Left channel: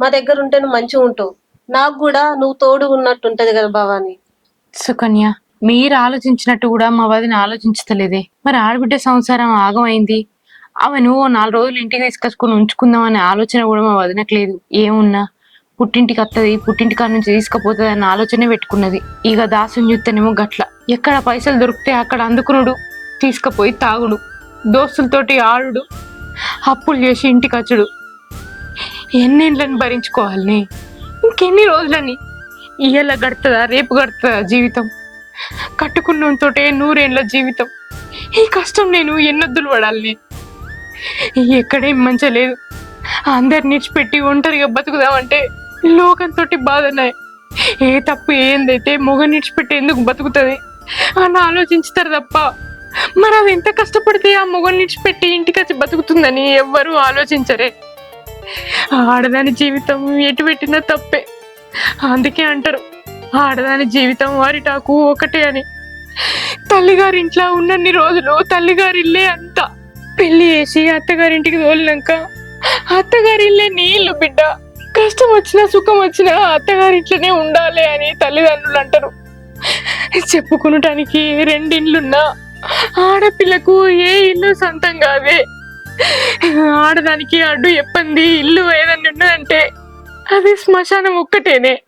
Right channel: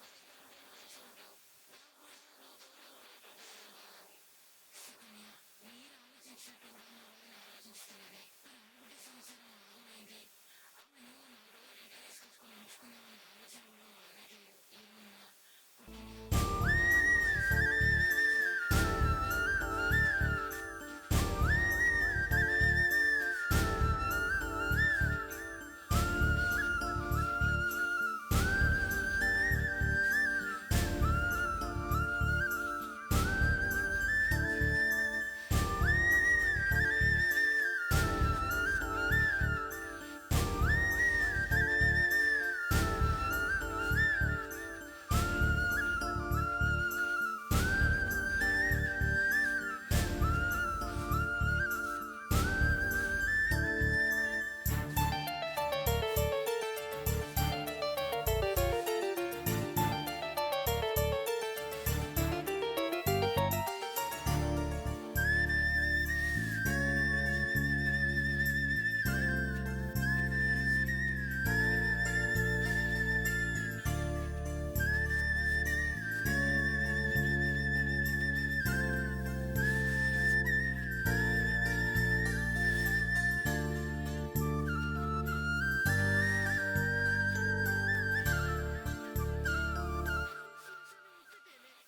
మా దగ్గర ఉంటే నువ్వు మంచిగా ఉంటావు. నాకు కూడా నువ్వు తోడు ఉన్నట్టు ఉంటది కదా భవాని. సుకన్య మీరు ఆలోచించినట్టు కూడా మా వదిన ఆలోచించలేదే మరి ఆడబిడ్డ సంసారం ఆగమైంది. ఆమెను ఓ నాలుగు రోజులు ఇంటికి తీసుకొచ్చుకొని ఉంచుకుందాం అనే ఆలోచన కూడా మా వదినకు లేదు. ఏమున్నా? పుట్టింటికి వస్తుంది పుట్టింటికాడ నుంచి తీసుకుపోతుంది అన్న ఆలోచనే పెట్టుకున్నది. ఇక దాసుని చూస్తేనేమో గట్ల. ఎక్కడ పైసలు దొరికితే అక్కడ అందుకునుడు తీసుకుపోయి తాగుడు. దోస్తులతోటి ఆడుడు అప్పులు చేసి ఇంటికి వచ్చుడు. ఎన్నేళ్ళని భరించుకోవాలని ఇంకెన్ని రోజులని ఇయ్యాల గడుతుందా రేపు గడుతుందా జీవితం? కట్టుకున్నంతోటే నూరేళ్ళ జీవితం. ఈ కష్టం నేను ఎన్నొద్దులు పడాలి? ఎక్కడేం మంచిగా లేదు. అందరిని విడిచిపెట్టి ఒంటరిగా బతుకుదామంటే లోకంతో బాధన్నాయి ఏ తప్పు ఏందైతే మొగ నిడిచిపెట్టి ఎందుకు బతుకుతుంది? అని ఆలోచించుతారు తప్ప మరి అది ఎంత కష్టపడితే ఆ మొగ నిడిచిపెట్టి ఇంటికి వచ్చి బతుకుతుందని ఎవ్వరూ ఆలోచించరే. ఆడదాని జీవితం ఎటు పెట్టినా తప్పే. అందుకే అంటారు ఆడదాని జీవితం వారిటాకు ఒకటే అని. తల్లిగారింట్లో ఉన్నన్ని రోజులు తల్లిగారిల్లే అంత. పెళ్ళి చేసి అత్తగారింటికి తోలినాక అత్తగారిల్లే నీళ్ళు బిడ్డ. కష్టం వచ్చినా సుఖం వచ్చినా అత్తగారింట్లోనే ఉండాలి అని తల్లిదండ్రులు అంటారు. చెప్పుకునటానికి రెండిండ్లున్నా ఆడపిల్లకు ఏ ఇల్లు సొంతం కాదే. ఆడదానికి అడ్డు ఎప్పంది? ఇల్లు ఏదన్నా ఉన్నదంటే అది శ్మశానం ఒక్కటేనే.